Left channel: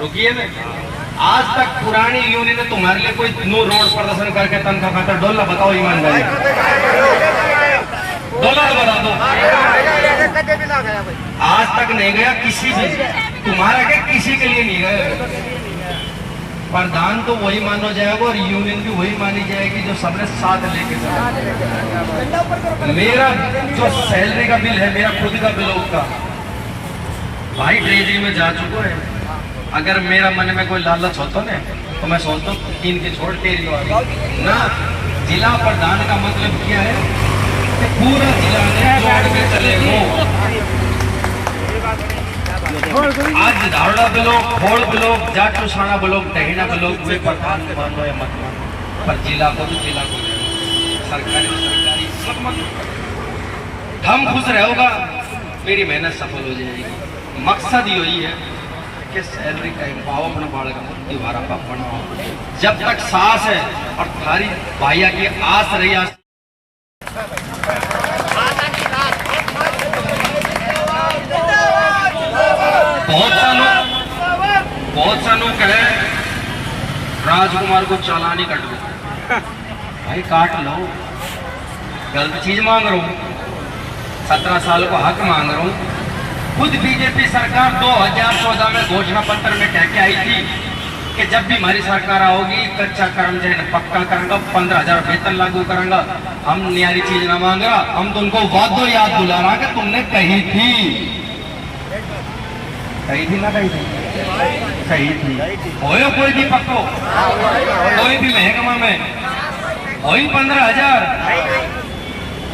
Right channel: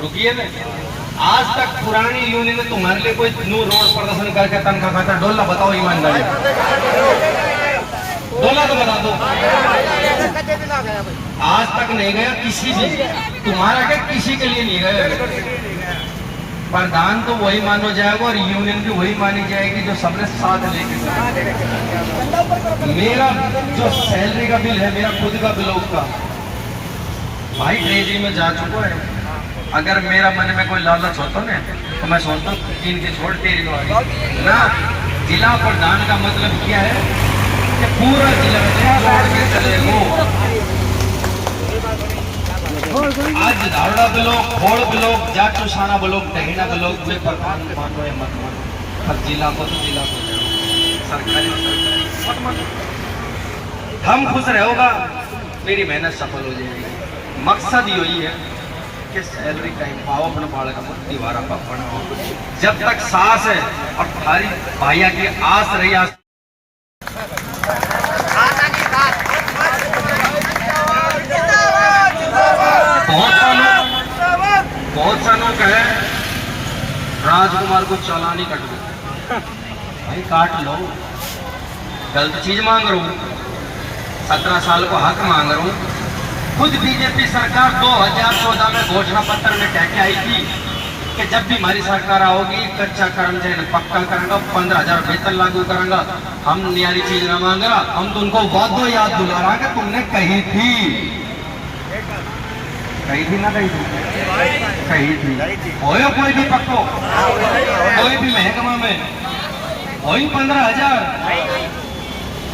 रुकिए ना, आज तक पुरानी यूनियन ने तुम्हारे लिए कोई नू रोड प्रदर्शन करके तनख्वाह खाता डोला बताओ ईमानदारी, डोला तो बता दो। आज तक नहीं गया किसी से, तुम्हारा क्या किसी के लिए नहीं गया। प्रधान तो वही मानो जाएगा और यूनियन भी वही मानी जाएगी जो सबने साथ लेके चला। मेरा जो सैलरी का बिल है, मेरा खुद का बिल उसका भाई ट्रेजरी में जा चुका है। अगर मेरा मन में कोई लालच होता ना तो मैं सोचता हूँ इनके छोड़ तेरी ना। जिला प्रधान का मतलब क्या है कि पूरा जिला छोड़ के चले वो। आज धारड़ा ब्लॉक, खोड़ ब्लॉक, जाटू साना ब्लॉक, दहीना ब्लॉक में प्रधान मान लो मत लो, पर जिला को तो जिला को सरकारी सब मत। हम खुश रहोगा, मेरी मेहनत सफल हो जाएगी। मकसद यही है कि सैलरी का पाओ अपने बाल का दोबारा पढ़ना। जब तक सांस है और थारी भाइया की आस रही आस बहुत सालों कहे राजकुमार को चालानी कट दो भाई, काट लो। गलत चीज मांग रहा हूँ, 17 साल को हक मांग रहा हूँ। खुद बीजेपी सरकार 2014 में घोषणा पत्र में कह के आई थी कि जब भी हमारी सरकार आओगी कच्चा कर्मचारी पक्का करूंगा, 15,000 वेतन लागू करूंगा। हम न्यारी चीज ना मांगा, हम तुमको वादो याद दिलावा कि तुमने कही थी ना कही थी हो कोई भी पक्को, कोई भी महकमा में हो 15,000,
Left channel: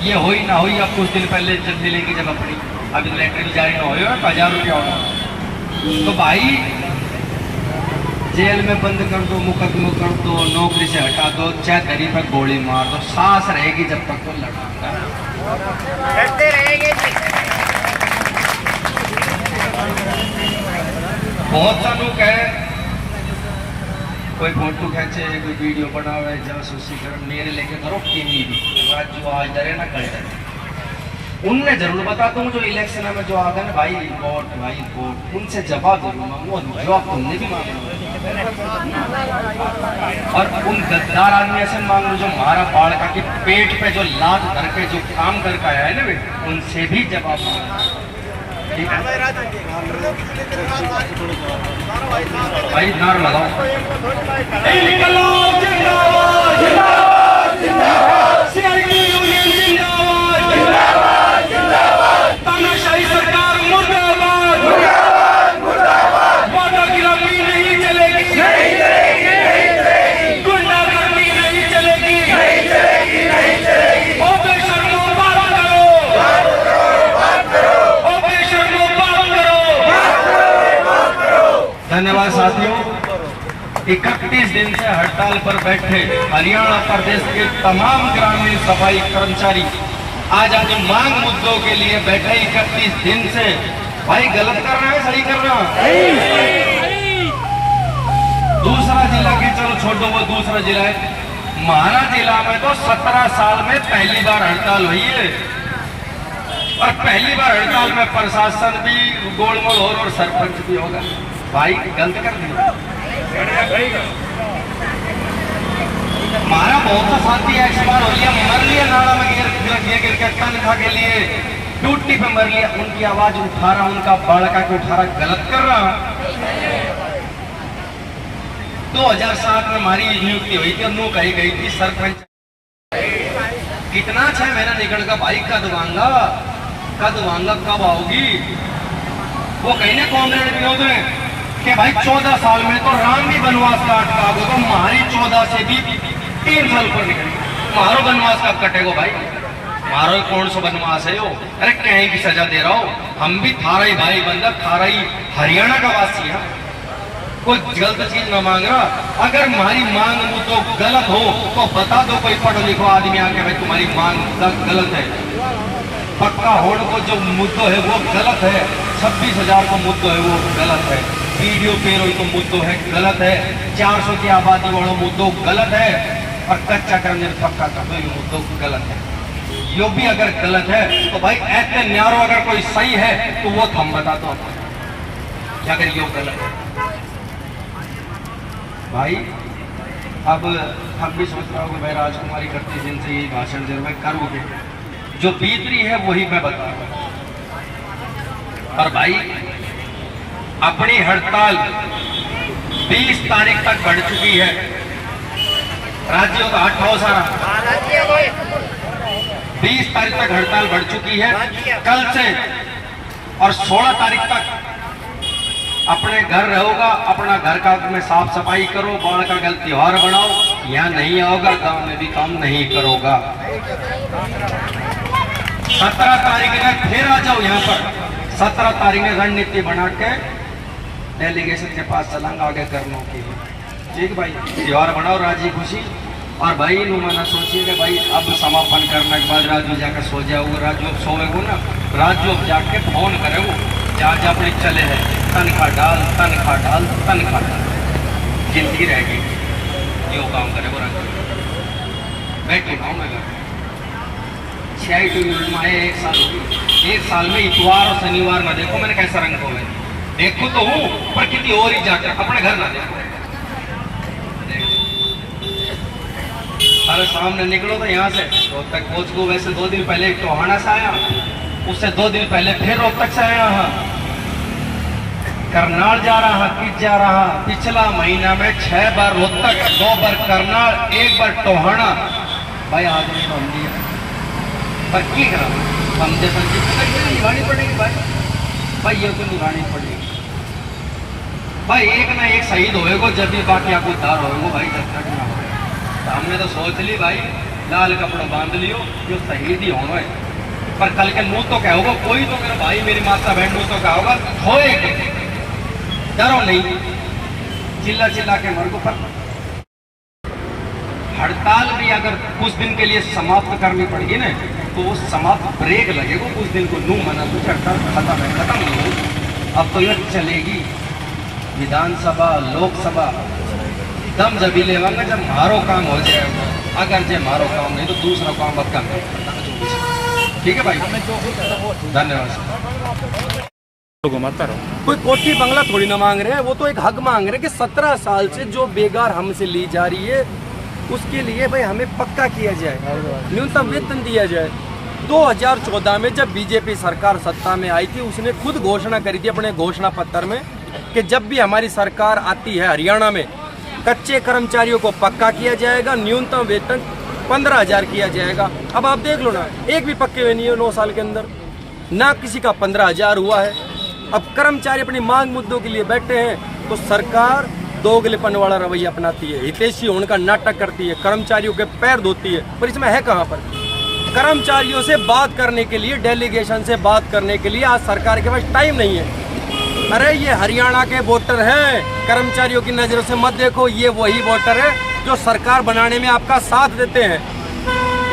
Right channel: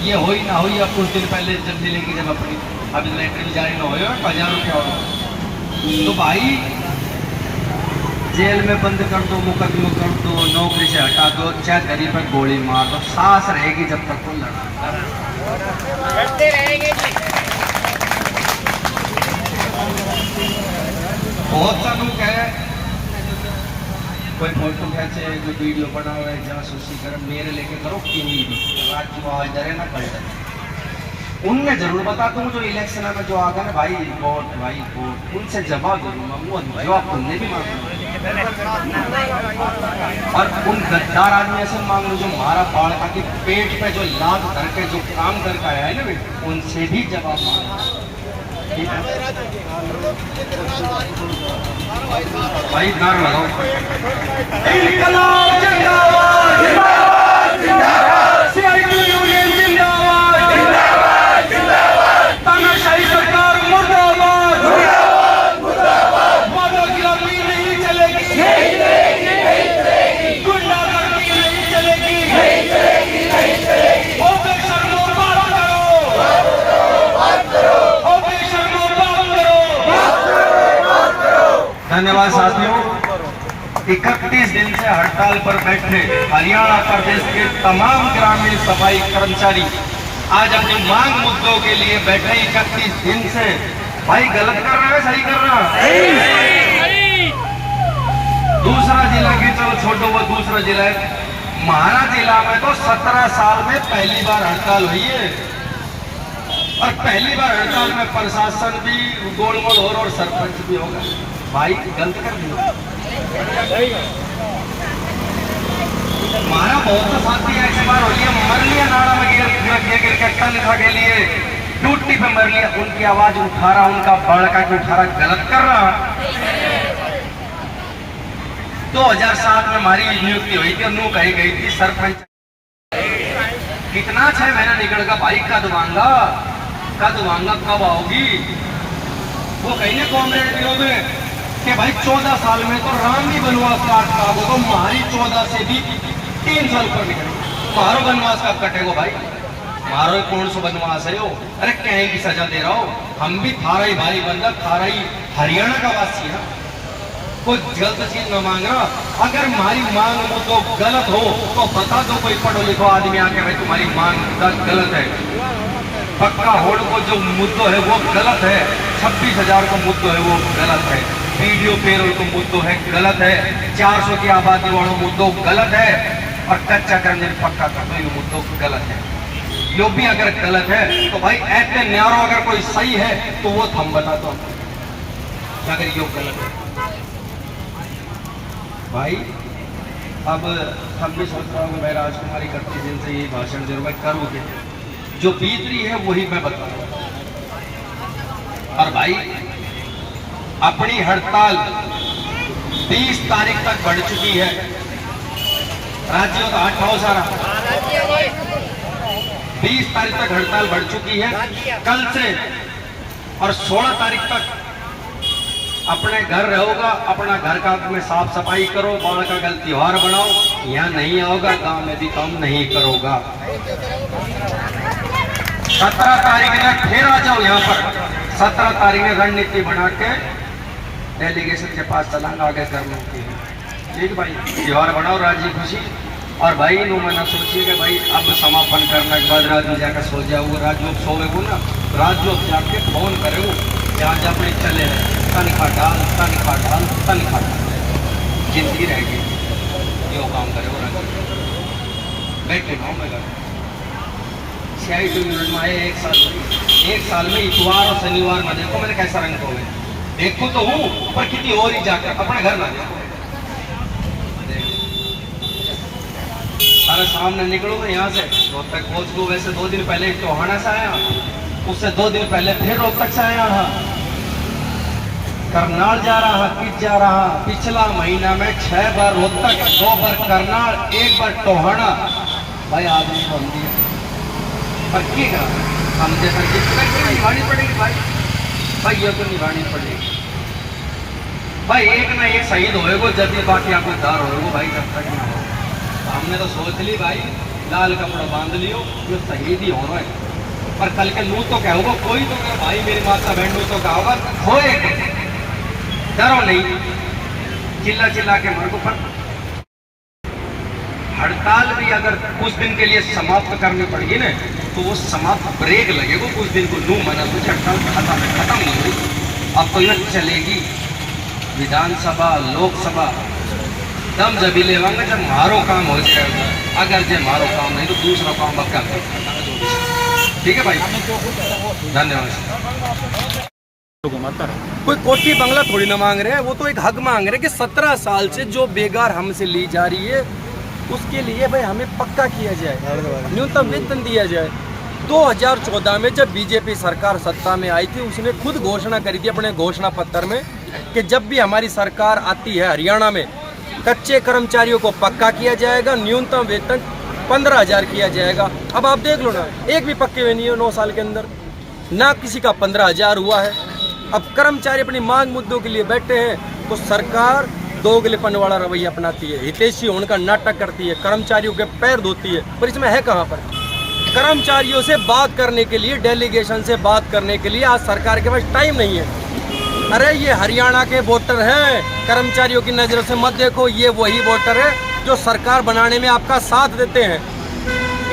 ये हो ही ना हो। अब कुछ दिन पहले जब मिलेगी जब अपनी अभी लेटरिन जारी ना हो 1,000 रुपया हो तो भाई जेल में बंद कर दो, मुकदमा कर दो, नौकरी से हटा दो, चाहे दरी पर गोली मार दो, सांस रहेगी जब तक वो लड़ते रहेंगे। बहुत सा लोग है कोई फोटो खींचे, कोई वीडियो बनावे, जासूसी कर मेरे लेके करो टीवी आज जो आज डरे ना कल डरे। उनने जरूर बताता हूँ जो इलेक्शन में जो आगा ना भाई वोट, उनसे जवाब जरूर, वो जवाब तुमने भी मांगा। और उन गद्दार आदमी ऐसे मांग लो जो हमारा बाढ़ का कि पेट पे जो लात धर के जो काम करके आया है ना बेटा, उनसे भी जवाब मांगा। भाई नार लगाओ धन्यवाद साथियों। 31 दिन से हड़ताल पर बैठे हरियाणा प्रदेश के तमाम ग्रामीण सफाई कर्मचारी आज अपने मांग मुद्दों के लिए बैठे 31 दिन से। भाई गलत कर रहा है सही कर रहा है? दूसरा जिला के चलो छोड़ो, वो दूसरा जिला है। हमारा जिला में तो 17 साल में पहली बार हड़ताल हुई है और पहली बार हड़ताल में प्रशासन भी गोलमोल और सरपंच भी होगा। भाई गलत कर दिया। हमारा बहुत सा साथी एक्सपायर हो लिया, मर लिया, नाड़ा में गिर के लिए ड्यूटी पे मर लिया। उनकी आवाज उठा रहा, उनका बड़का को उठा रहा, गलत कर रहा। 2007 में हमारी नियुक्ति हुई थी, नू कही गई थी सरपंच। कितना 6 महीना निकलेगा भाई, कद मांगा कब आओगी? वो कहीं ना कॉमरेड विनोद में कि भाई 14 साल में तो राम भी वनवास काट का होगा, हमारी 14 से भी 3 साल पर निकली। मारो वनवास कब कटेगा भाई? मारो कौन सा वनवास है वो? अरे कहीं की सजा दे रहा हो, हम भी थारा ही भाई बंदा, थारा ही हरियाणा का वासी है। कोई गलत चीज न मांग रहा। अगर हमारी मांग वो तो गलत हो तो बता दो, कोई पढ़ो लिखो आदमी आके भाई तुम्हारी मांग गलत है। पक्का होल्ड को जो मुद्दों है वो गलत है, 26,000 को मुद्दों है वो गलत है, वीडियो पेरोल को मुद्दों है गलत है, 400 की आबादी वालों मुद्दों गलत है, और कच्चा करने पक्का कर दो ये मुद्दों गलत है। यो भी अगर गलत है तो भाई ऐसे न्यारो अगर कोई सही है तो वो हम बता दो अगर यो गलत है। भाई अब हम भी सोच रहे हो कि भाई राजकुमारी करती दिन से यही भाषण दे मैं करूँ भी जो बीत रही है वही मैं बता रहा हूँ। और भाई अपनी हड़ताल 20 तारीख तक बढ़ चुकी है। राज्यों का 20 तारीख तक हड़ताल बढ़ चुकी है। कल से और 16 तारीख तक अपने घर रहोगा, अपना घर का में साफ सफाई करो, बाढ़ का कल त्योहार बनाओ, यहाँ नहीं आओगा गांव में भी काम नहीं करोगा। 17 तारीख तक फिर आ जाओ यहाँ पर। 17 तारीख में रणनीति बना के डेलीगेशन के पास चलांगा आगे करने की। ठीक भाई, त्योहार बनाओ राजी खुशी। और भाई उन्होंने सोचिए कि भाई अब समापन करने के बाद राजू जाकर सो जाओगे, राजू अब सोएगो ना, राजू अब जाके फोन करेगो जहाँ जहाँ अपने चले हैं तनख्वाह डाल तनख्वाह डाल तनख्वाह डाल, जिंदगी रहेगी जो काम करे वो रंग बैठे गाँव में कर 6 मिनट में आए। 1 साल में इतवार और शनिवार ना देखो मैंने कैसा रंग हो गया। देखो तो हूँ पर कितनी और ही जाकर अपने घर ना देखो। अरे सामने निकलो तो यहाँ से रोहतक पहुँच को। वैसे 2 दिन पहले टोहाना से आया, उससे 2 दिन पहले फिर रोहतक से आया हाँ, करनाल जा रहा, किस जा रहा। पिछला महीना में 6 बार रोहतक, 2 बार करनाल, 1 बार टोहाना। भाई आ जाए तो हम दिया पर की करा हम जैसा जितना निभानी पड़ेगी भाई ये तो निभानी पड़ेगी भाई। एक ना एक शहीद होएगो जब भी बाकी आपको दार होगा भाई, जब तक ना हो। हमने तो सोच ली भाई लाल कपड़ा बांध लियो जो शहीद ही होगा। पर कल के मुंह तो क्या होगा, कोई तो मेरा भाई मेरी माता बहन मुंह तो क्या होगा, होए डरो नहीं, चिल्ला चिल्ला के मर को। पर हड़ताल भी अगर कुछ दिन के लिए समाप्त करनी पड़ेगी ना तो वो समाप्त ब्रेक लगेगा कुछ दिन को। नू माना कुछ हड़ताल खत्म नहीं होगी। अब तो यह चलेगी विधानसभा लोकसभा दम जब ही लेवांगे जब मारो काम हो जाएगा। अगर जे मारो काम नहीं तो दूसरा काम मत कर। ठीक है भाई, धन्यवाद। कोई कोठी बंगला थोड़ी ना मांग रहे हैं, वो तो एक हक मांग रहे हैं कि 17 साल से जो बेगार हमसे ली जा रही है उसके लिए भाई हमें पक्का किया जाए, न्यूनतम वेतन दिया जाए। 2014 में जब बीजेपी सरकार सत्ता में आई थी उसने खुद घोषणा करी थी अपने घोषणा पत्र में कि जब भी हमारी सरकार आती है हरियाणा में कच्चे कर्मचारियों को पक्का किया जाएगा, न्यूनतम वेतन 15,000 किया जाएगा। अब आप देख लो ना, एक भी पक्के हुए नहीं है 9 साल के अंदर, ना किसी का 15,000 हुआ है। अब कर्मचारी अपनी मांग मुद्दों के लिए बैठे हैं तो सरकार दोगलेपन वाला रवैया अपनाती है, हितैषी होने का नाटक करती है, कर्मचारियों के पैर धोती है। पर इसमें है कहाँ पर कर्मचारियों से बात करने के लिए, डेलीगेशन से बात करने के लिए आज सरकार के पास टाइम नहीं है। अरे ये हरियाणा के वोटर हैं, कर्मचारियों की नज़रों से मत देखो, ये वही वोटर है जो सरकार बनाने में आपका साथ देते हैं।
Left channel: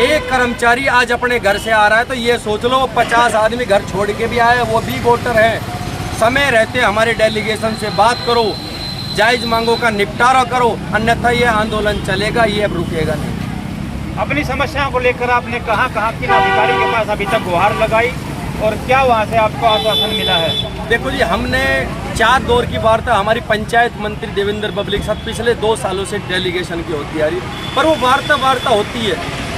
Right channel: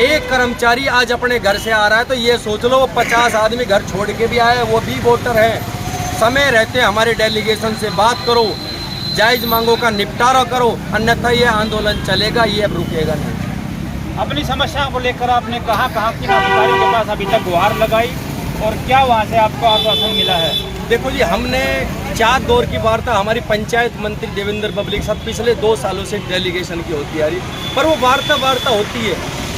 एक कर्मचारी आज अपने घर से आ रहा है तो ये सोच लो वो 50 आदमी घर छोड़ के भी आए, वो भी वोटर हैं। समय रहते हमारे डेलीगेशन से बात करो, जायज़ मांगों का निपटारा करो, अन्यथा ये आंदोलन चलेगा, ये अब रुकेगा नहीं। अपनी समस्याओं को लेकर आपने कहाँ किन अधिकारियों के पास अभी तक गुहार लगाई और क्या वहाँ से आपको आश्वासन मिला है? देखो जी, हमने 4 दौर की वार्ता हमारी पंचायत मंत्री देवेंद्र बबली के साथ पिछले 2 सालों से डेलीगेशन की होती आ रही, पर वो वार्ता होती है,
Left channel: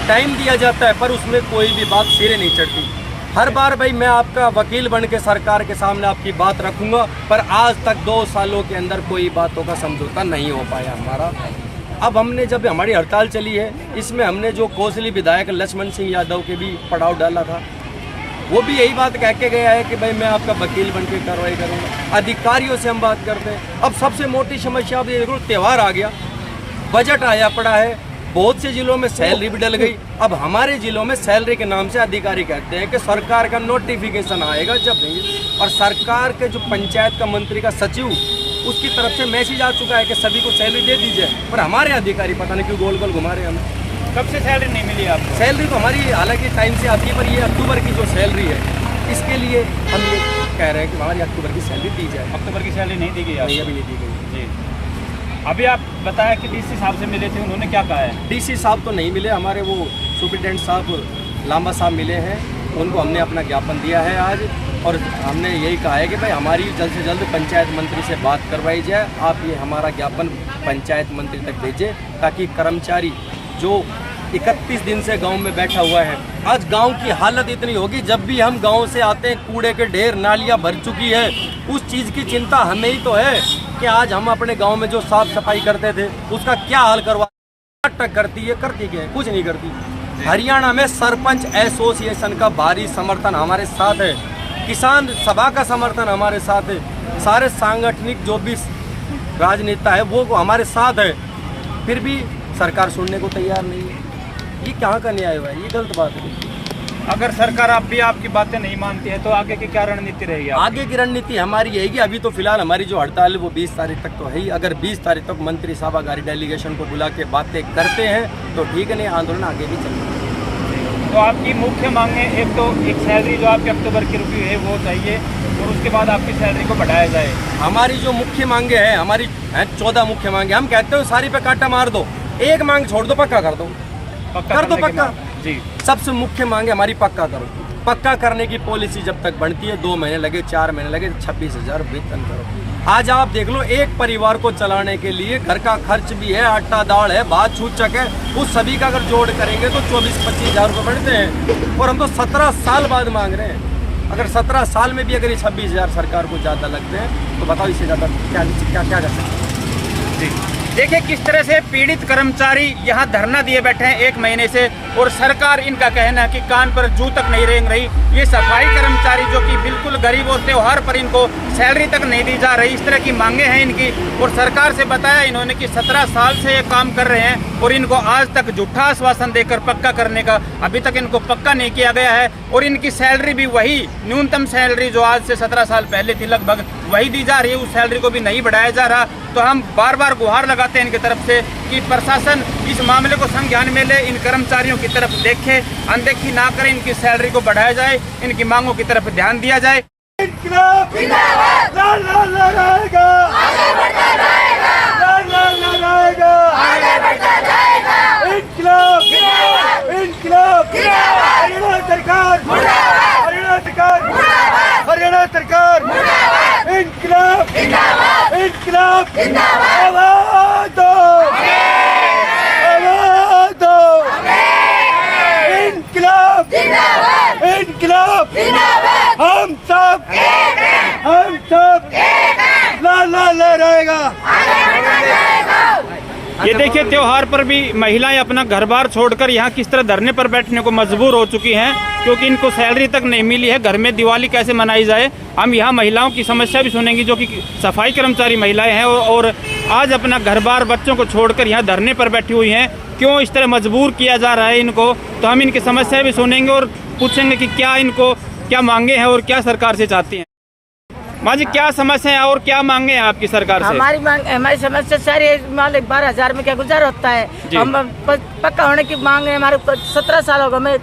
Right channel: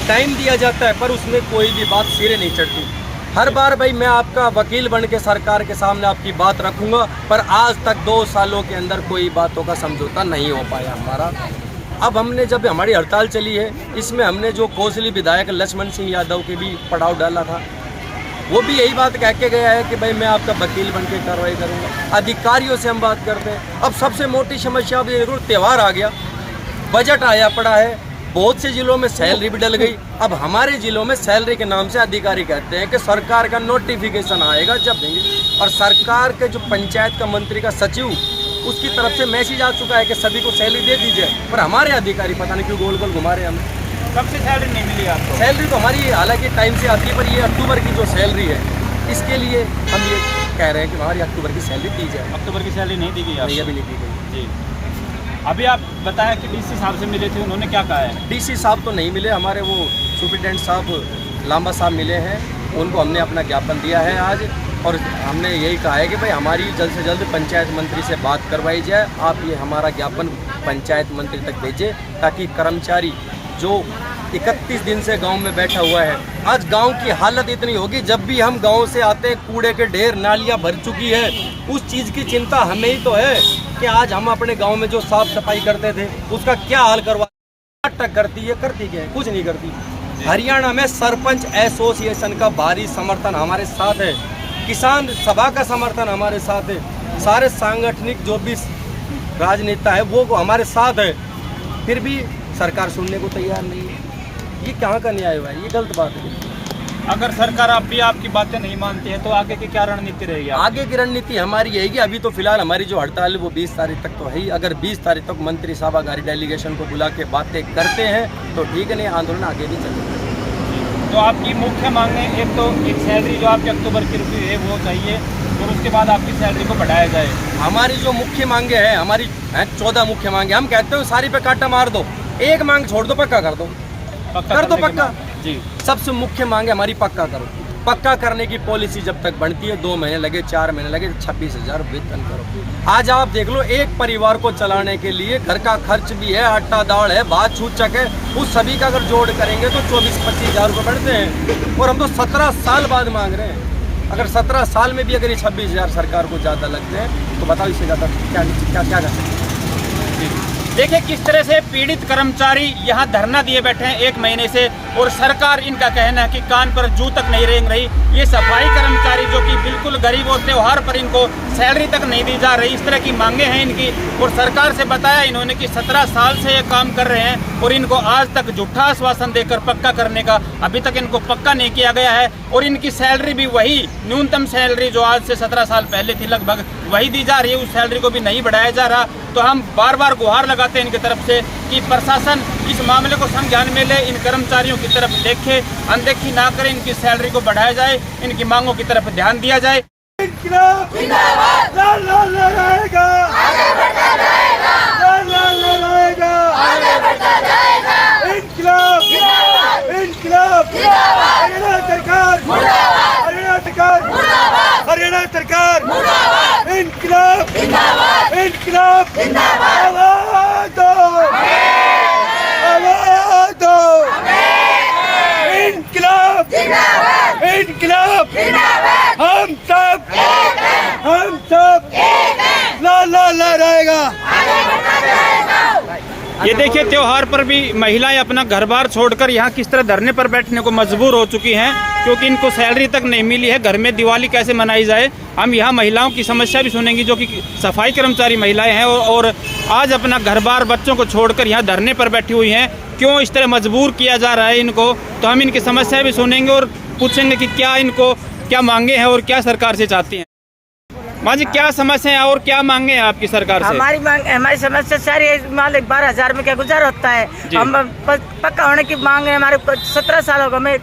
टाइम दिया जाता है, पर उसमें कोई भी बात सिरे नहीं चढ़ती। हर बार भाई मैं आपका वकील बन के सरकार के सामने आपकी बात रखूंगा, पर आज तक 2 सालों के अंदर कोई बातों का समझौता नहीं हो पाया हमारा। अब हमने जब हमारी हड़ताल चली है इसमें हमने जो कोसली विधायक लक्ष्मण सिंह यादव के भी पड़ाव डाला था, वो भी यही बात कह के गया है कि भाई मैं आपका वकील बन के कार्रवाई करूँगा। अधिकारियों से हम बात करते हैं। अब सबसे मोटी समस्या अब ये त्यौहार आ गया, बजट आया पड़ा है, बहुत से जिलों में सैलरी भी डल गई। अब हमारे जिलों में सैलरी के नाम से अधिकारी कहते हैं कि सरकार का नोटिफिकेशन आएगा जब देंगे, और सरकार के जो पंचायत का मंत्री का सचिव उसकी तरफ से मैसेज आ चुका है कि सभी को सैलरी दे दीजिए, पर हमारे अधिकारी पता नहीं क्यों गोल गोल घुमा रहे हैं हमें। कब से सैलरी नहीं मिली आपको? सैलरी तो हमारी हालांकि टाइम से आती है, पर ये अक्टूबर की जो सैलरी है इसके लिए हम ये कह रहे हैं कि हमारी अक्टूबर की सैलरी दी जाए। अक्टूबर की सैलरी नहीं दी गई? नहीं, अभी नहीं दी गई जी। अभी आप बताया कि डीसी साहब से मिले थे, उन्होंने क्या कहा है? डीसी साहब तो नहीं मिले, हमारे वो सुप्रिटेंडेंट साहब लांबा साहब मिले हैं, उनको हमने अपना ज्ञापन दिया है आज, और हमने यही कहा है कि भाई हमारी जल्द से जल्द पंचायत मंत्री से बात करवाई जाए। आप ये हमारा ज्ञापन पंचायत मंत्री तक भेजे, ताकि कर्मचारी जो 31 दिन से गांव में बैठा हुआ है, आज गांव की हालत इतनी होगी, जब भी हम गांव से आते हैं कूड़े के ढेर, नालियां भर चुकी है। उस चीज़ की चिंता हमें ही तो है कि आज हम अपने गांव में जो साफ सफाई करते थे उसका क्या हाल करवा टक करती है, करती क्या है, कुछ नहीं करती। हरियाणा में सरपंच एसोसिएशन का भारी समर्थन हमारे साथ है, किसान सभा का समर्थन हमारे साथ है, सारे सांगठनिक जो भी राजनेता है वो हमारे साथ है, फिर भी सरकार सुनने को तैयार नहीं है। ये कहाँ का न्याय हुआ है? ये गलत बात है। अगर सरकार आप भी आपकी बातें नहीं मानती है तो आगे की क्या रणनीति रहेगी? आगे की रणनीति हमारी यही कि अभी तो फिलहाल हमारी जो हड़ताल है वो 20 तारीख तक तो है ही। अगर 20 तारीख तक मंत्री सभागारी डेलीगेशन को बुला के बातें करते हैं तो ठीक है, नहीं आंदोलन आगे भी चलेगा। तो आपकी मुख्य मांगे, एक तो एक सैलरी जो आपके अक्टूबर की रुकी है वो चाहिए, और उसके बाद आपकी सैलरी को बढ़ाया जाए। हमारी जो मुख्य मांगे हैं, हमारी 14 मुख्य मांगे, हम कहते हो सारी पे कांटा मार दो, एक मांग छोड़ दो, पक्का कर दो, कर दो पक्का जी। सबसे मुख्य मांग है हमारी पक्का करो। पक्का करने की पॉलिसी जब तक बनती है, 2 महीने लगे, 4 महीने लगे, 26,000 वेतन करो। आज आप देख लो, एक परिवार को चलाने के लिए घर का खर्च भी है, आटा दाल है, भात छूचक है, उस सभी का अगर जोड़ करेंगे तो 24-25 हज़ार रुपये बढ़ते हैं, और हम तो 17 साल बाद मांग रहे हैं। अगर 17 साल में भी अगर ये 26,000 सरकार को ज़्यादा लगते हैं तो बताओ इससे ज़्यादा क्या कर सकते हैं। देखिए किस तरह से पीड़ित कर्मचारी यहाँ धरना दिए बैठे हैं 1 महीने से, और सरकार इनका कहना है कि कान पर जू तक नहीं रेंग रही। ये सफाई कर्मचारी जो कि बिल्कुल गरीब और त्योहार पर इनको सैलरी तक नहीं दी जा रही, इस तरह की मांगे हैं इनकी। और सरकार से बताया इन्होंने कि 17 साल से ये काम कर रहे हैं और इनको आज तक झूठा आश्वासन देकर पक्का करने का अभी तक इनको पक्का नहीं किया गया है। और इनकी सैलरी भी वही न्यूनतम सैलरी जो आज से 17 साल पहले थी लगभग वही दी जा रही है, उस सैलरी को भी नहीं बढ़ाया जा रहा। तो हम बार बार गुहार लगाते हैं इनकी तरफ से कि प्रशासन इस मामले को संज्ञान में ले, इन कर्मचारियों की तरफ देखे, अनदेखी ना करें, इनकी सैलरी को बढ़ाया जाए, इनकी मांगों की तरफ ध्यान दिया जाए। हरियाणा सरकार इंकलाब इंकलाब आवाज दो, आवाज दो, इंकलाब इंकलाब, हम सब ला ला ला रहेगा। ये देखिए त्योहार पर भी महिलाएं अपना घर बार छोड़कर यहाँ किस तरह धरने पर बैठने को मजबूर हो चुकी हैं, क्योंकि इनको सैलरी तक नहीं मिली है। घर में दिवाली कैसे मनाई जाए? हम यहाँ महिलाओं की समस्या भी सुनेंगे जो कि सफाई कर्मचारी महिलाएं हैं और आज अपना घर बार बच्चों को छोड़कर यहाँ धरने पर बैठी हुई हैं। क्यों इस तरह मजबूर किया जा रहा है इनको? तो हम इनकी समस्या भी सुनेंगे और पूछेंगे कि क्या इनको क्या मांगे हैं और क्या सरकार से चाहती हैं। माँ जी, क्या समस्या है और क्या मांगे हैं आपकी सरकार से? हमारी समस्या सारी मालिक 12,000 में क्या गुजारा होता है। हम पक्का होने की मांग है। हमारे 17 साल हो गए हमें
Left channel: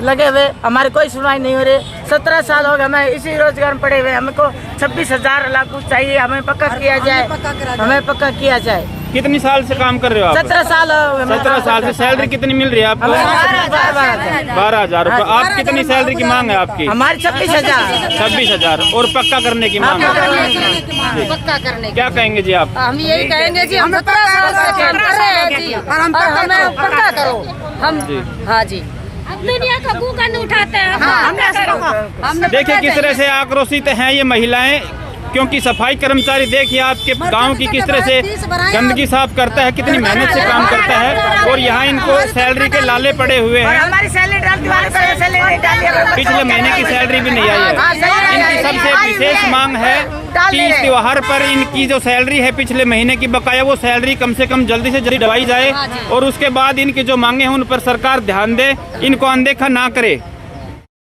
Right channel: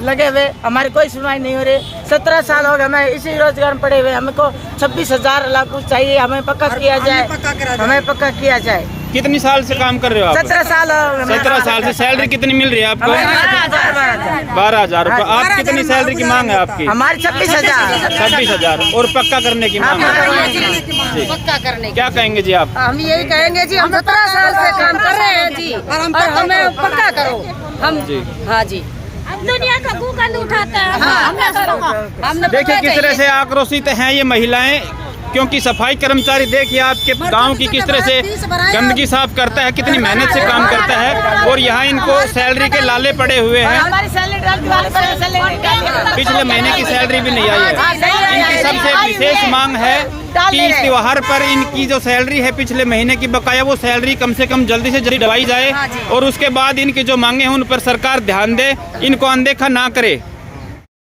लगे हुए, हमारी कोई सुनवाई नहीं हो रही। 17 साल हो गए हमें इसी रोजगार में पड़े हुए। हमको 26,000 लागू चाहिए, हमें पक्का किया जाए, हमें पक्का किया जाए। कितनी साल से काम कर रहे हो आप? 17 साल हो गए। 17 साल से सैलरी कितनी मिल रही है आपको? 12,000 रुपये। आप कितनी सैलरी की मांग है आपकी? हमारी 26,000। 26,000 और पक्का करने की मांग है। पक्का करने क्या कहेंगे जी आप? हम यही कहेंगे जी, हम 17 साल से काम कर रहे हैं जी, और हमें पक्का करो। हम जी हाँ जी, दुनिया का गंद उठाते हैं। देखिए किस तरह से आक्रोशित हैं ये महिलाएं, क्योंकि सफाई कर्मचारी देखिए आपके गांव की किस तरह से गंदगी साफ करता है, कितनी मेहनत से काम करता है, और यहाँ इनको सैलरी के लाले पड़े हुए हैं। पिछले महीने की सैलरी भी नहीं आई है। इनकी सबसे विशेष मांग है कि इस त्योहार पर इनकी जो सैलरी है पिछले महीने की बकाया, वो सैलरी कम से कम जल्दी से जल्दी दवाई जाए, और उसके बाद इनकी जो मांगे हैं उन पर सरकार ध्यान दे, इनको अनदेखा ना करे।